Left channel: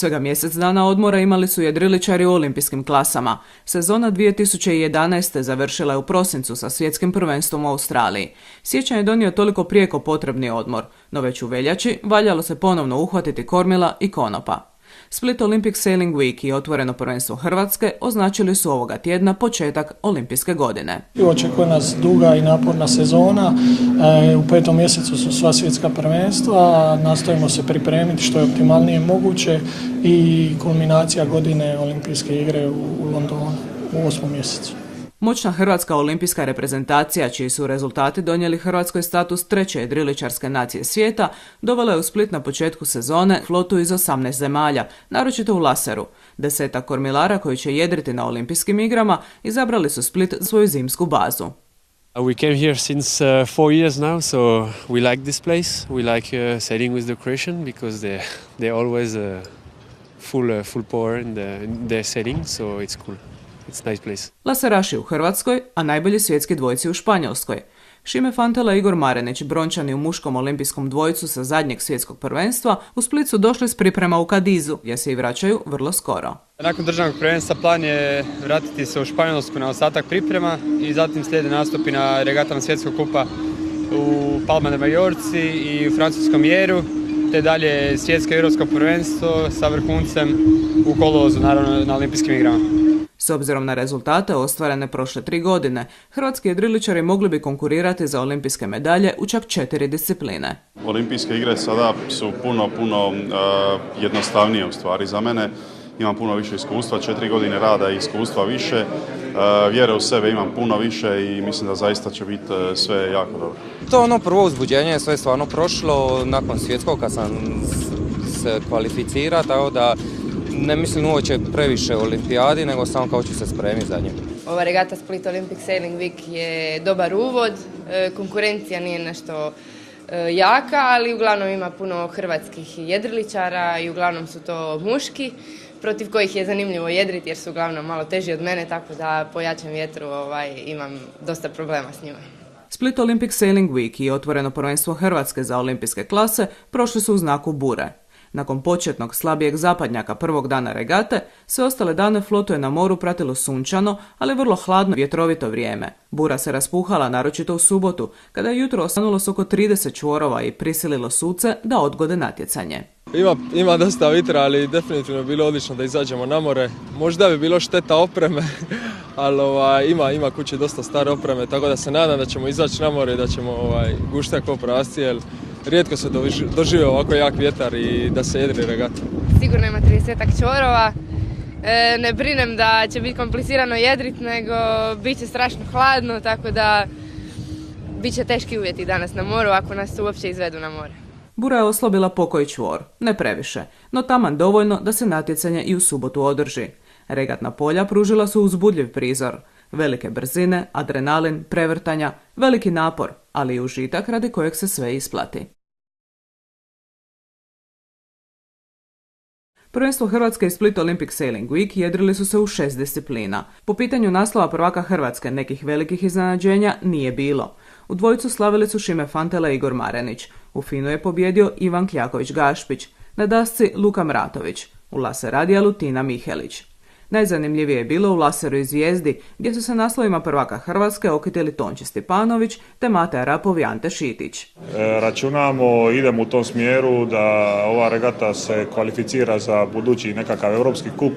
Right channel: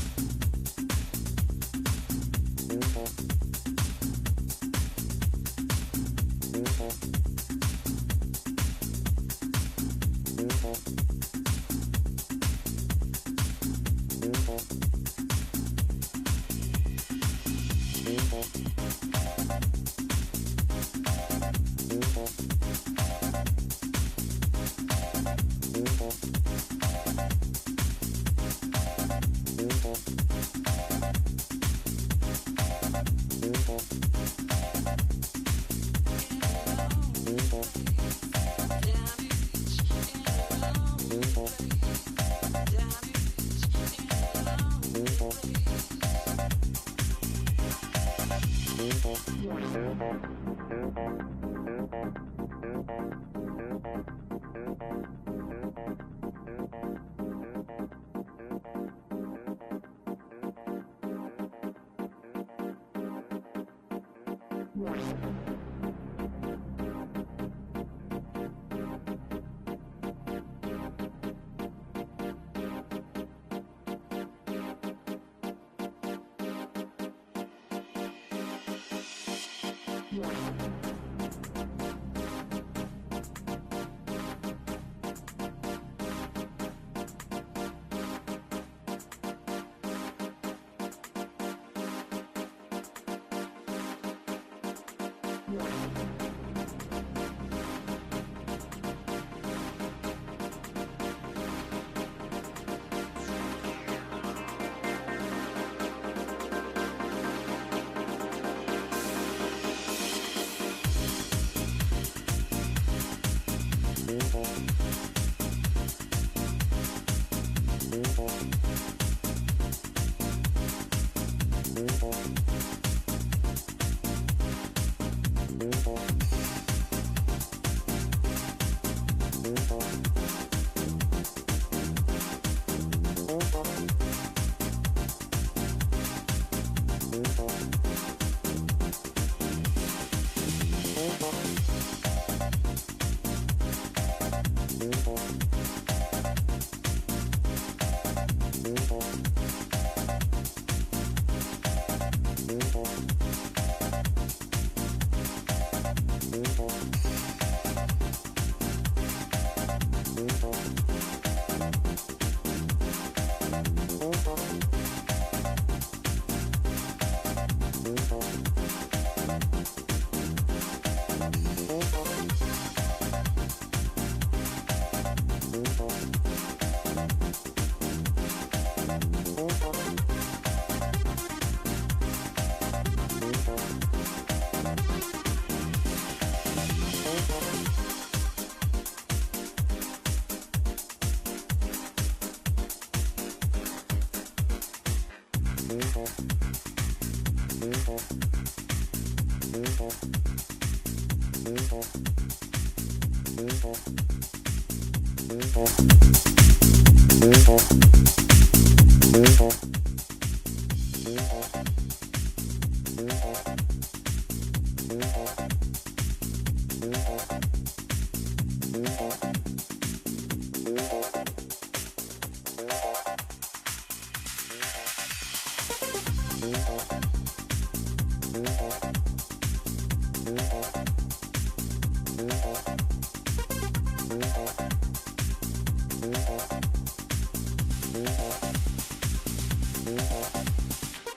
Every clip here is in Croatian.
Svega mjesec dana odmora imali su jedriličari u olimpijskim klasama. Sezona 2011. završila je u prosincu sa svjetskim prvenstvom u Australiji. Siječanj je donio toliko prijeko potrebni odmor, no već u veljači valjalo se ponovno uhvatiti kormila i konopa. Split Olympic Sailing Week i otvoreno prvenstvo Hrvatske označili su ovoga tjedna početak olimpijske godine. Očekuje nas duga i naporna sezona. U 5. mjesecu su sva svjetska prvenstva. Nastojimo se pripremiti što je optimalnije moguće i kulminacija godine olimpijske igre u Londonu u 8. mjesecu. Moćna hrvatska olimpijska reprezentacija, čiji su rezultati donijeli Hrvatskoj status treće jedriličarske nacije svijeta, dovela je u Split na početku sezone flotu iz 18 zemalja, naročito u laseru. 10 kormilara koji će jedriti na olimpijskim igrama izabrali su Split svoju zimsku bazu. We came here since 4 years now, so we like this place. We like sailing with the Croatian because they're always full power in their sailing, so it's cool. It's nice place. Laseraši u Hrvatskoj, a najbolji svjetski dvojci u Španjolskoj. Šime Fantela i Igor Marenić, brončani u muškom olimpijskom dvojcu sa zadnjeg svjetskog prvenstva, u Split su došli s priprema u Kadizu, jer se i vraćaju vrlo skoro. Nakon državnog prvenstva plan je vratiti se u Španjolsku na ostatak priprema i zatim slijede nastupi na regatama svjetskog kupa u Palma de Majorci i u francuskom Jeru, te dalje svjetsko i europsko prvenstvo sa vrhuncem u kolovozu, naravno na olimpijskim igrama. S obzirom na rezultate ostvarene prošle 3 godine, hrvatski jedriličari mogli bi konkurirati za olimpijske medalje u čak 4 discipline. Olimpijske igre sada su puno jednostavnije u stvari za mene. Imam puno više iskustva, 4 godine rada i iskustva više. Vjere u sebe imam puno više i mislim da zaista će biti sve jako dobro. To je prvo uzbuđenje, sve je stvarno prošlo nakon svjetskog kad sam se kvalificirao, tako da ne mislim uopće previše o olimpijadi, nego samo kao ću se spremiti za nju. Ova regata Split Olympic Sailing Week je dobar uvod, konkurencija nije nešto jaka, ali uglavnom ima puno hrvatskih jedriličara i uglavnom su to muški, protiv kojih je zanimljivo jedriti jer su uglavnom malo teži od mene, tako da po jačem vjetru imam dosta problema s njima. Split Olympic Sailing Week i otvoreno prvenstvo Hrvatske za olimpijske klase prošli su u znaku bure. Nakon početnog slabijeg zapadnjaka prvog dana regate, sve ostale dane flotu je na moru pratilo sunčano, ali vrlo hladno vjetrovito vrijeme. Bura se raspuhala naročito u subotu, kada je jutro osvanulo s oko 30 čvorova i prisililo suce da odgode natjecanje. Ima dosta vitra, ali definitivno je bilo odlično da izađemo na more. Možda bi bilo šteta opreme, ali ima kuće dosta stare opreme, tako da se nadam da ćemo izaći na more i da ćemo guštat ko prasci, jer rijetko se dožive ovako jak vjetar i da se jedri regata. Sigurno ima 30 čvorova. Ne brinem da će biti komplicirano jedrit, nego bit će strašno hladno, tako da bit će teški uvjeti danas na moru ako nas uopće izvedu na more. Bura je oslabila pokoji čvor, ne previše, no taman dovoljno da se natjecanje i u subotu održi. Regatna polja pružila su uzbudljiv prizor. Velike brzine, adrenalin, prevrtanja, veliki napor, ali i užitak radi kojeg se sve isplati. Prvenstvo Hrvatske i Split Olympic Sailing Week jedrili su se u 6 disciplina. Po pitanju naslova prvaka Hrvatske nekih velikih iznenađenja nije bilo. U dvojicu slavili su Šime Fantela i Igor Marenić. U finu je pobjedio Ivan Kjaković-Gašpić, na dasci Luka Mratović, u laseradijalu Tina Mihelić. Najzanimljivije je bilo u laseru i zvijezdi, gdje su se naslovima prvaka Hrvatske okitili Tonči Stipanović te Mate Arapov i Ante Šitić. Računamo, idemo u tom smjeru da ova regata se kvalificira za budući nekakav europski kup,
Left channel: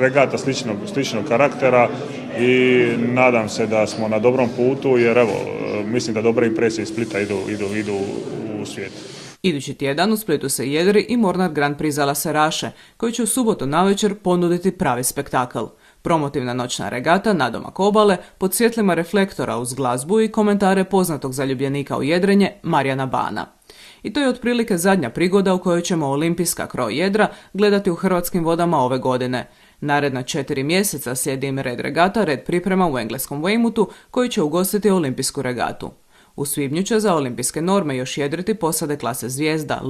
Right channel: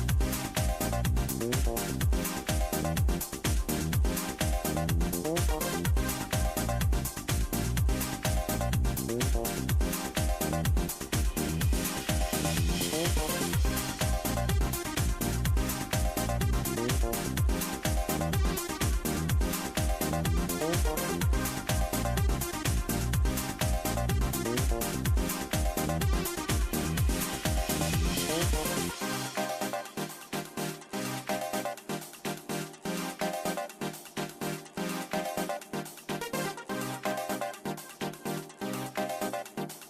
regata sličnog karaktera i nadam se da smo na dobrom putu jer evo, mislim da dobre impresije iz Splita idu u svijetu. Idući tjedan u Splitu se jedri i Mornar Grand Prix za laseraše, koji će u subotu navečer ponuditi pravi spektakl. Promotivna noćna regata nadomak obale pod svjetlima reflektora uz glazbu i komentare poznatog zaljubljenika u jedrenje Marijana Bana. I to je otprilike zadnja prigoda u kojoj ćemo olimpijska kroj jedra gledati u hrvatskim vodama ove godine. Naredna 4 mjeseca slijedi im red regata, red priprema u engleskom Weymouthu, koji će ugostiti olimpijsku regatu. U svibnju će za olimpijske norme još jedriti posade klase Zvijezda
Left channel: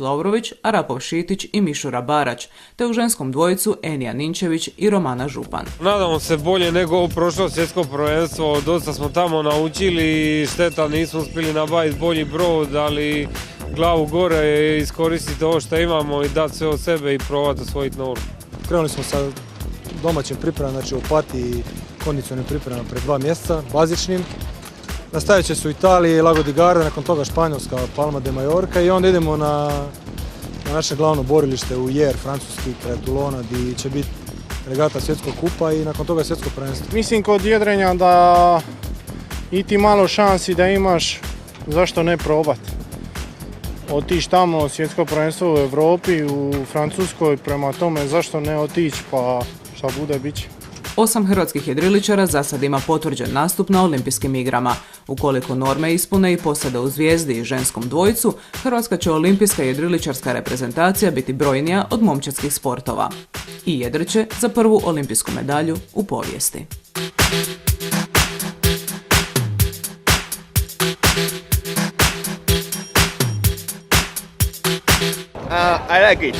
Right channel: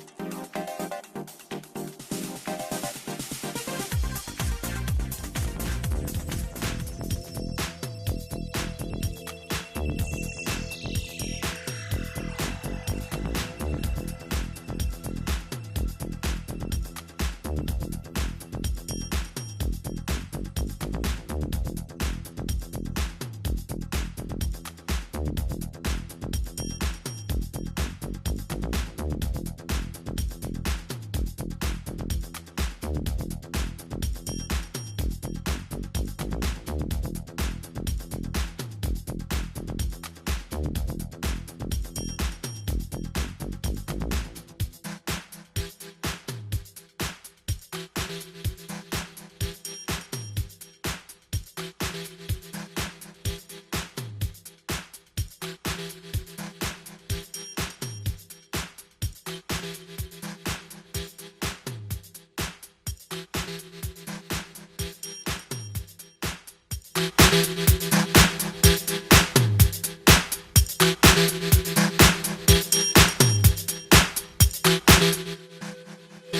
Lovrović, Arapov Šitić i Mišura Barać, te u ženskom dvojicu Enija Ninčević i Romana Župan. Nadamo se bolje nego prošlo svjetsko prvenstvo, dosta smo tamo naučili, šteta nismo uspjeli nabaviti bolji brod, ali glavu gore i iskoristiti ovo što imamo i dati sve od sebe i probati osvojiti novu. Krenuli smo sa domaćim pripremama, znači u Opatiji i kondicionalnim pripremama pred 2 mjeseca, bazičnim. Nastavit će se u Italiji, Lago di Garda, nakon toga Španjolska, Palma de Mallorca i onda idemo na naše glavno borilište u Jer, francuski kraj Toulona, gdje će biti regata svjetskog kupa i nakon toga svjetsko prvenstvo. Mislim kod jedrenja da i ti malo šansi da imaš, zašto ne probati. Otići tamo, svjetsko prvenstvo u Europi, u Francuskoj, prema tome zašto ne otići, pa šta bude bit će. 8 hrvatskih jedriličara za sad ima potvrđen nastup na olimpijskim igrama. Ukoliko norme ispune i posade u Zvijezdi i ženskom dvojcu, hrvatska će olimpijska jedriličarska reprezentacija biti brojnija od momčadskih sportova. I jedriće za prvu olimpijsku medalju u povijesti. I like it.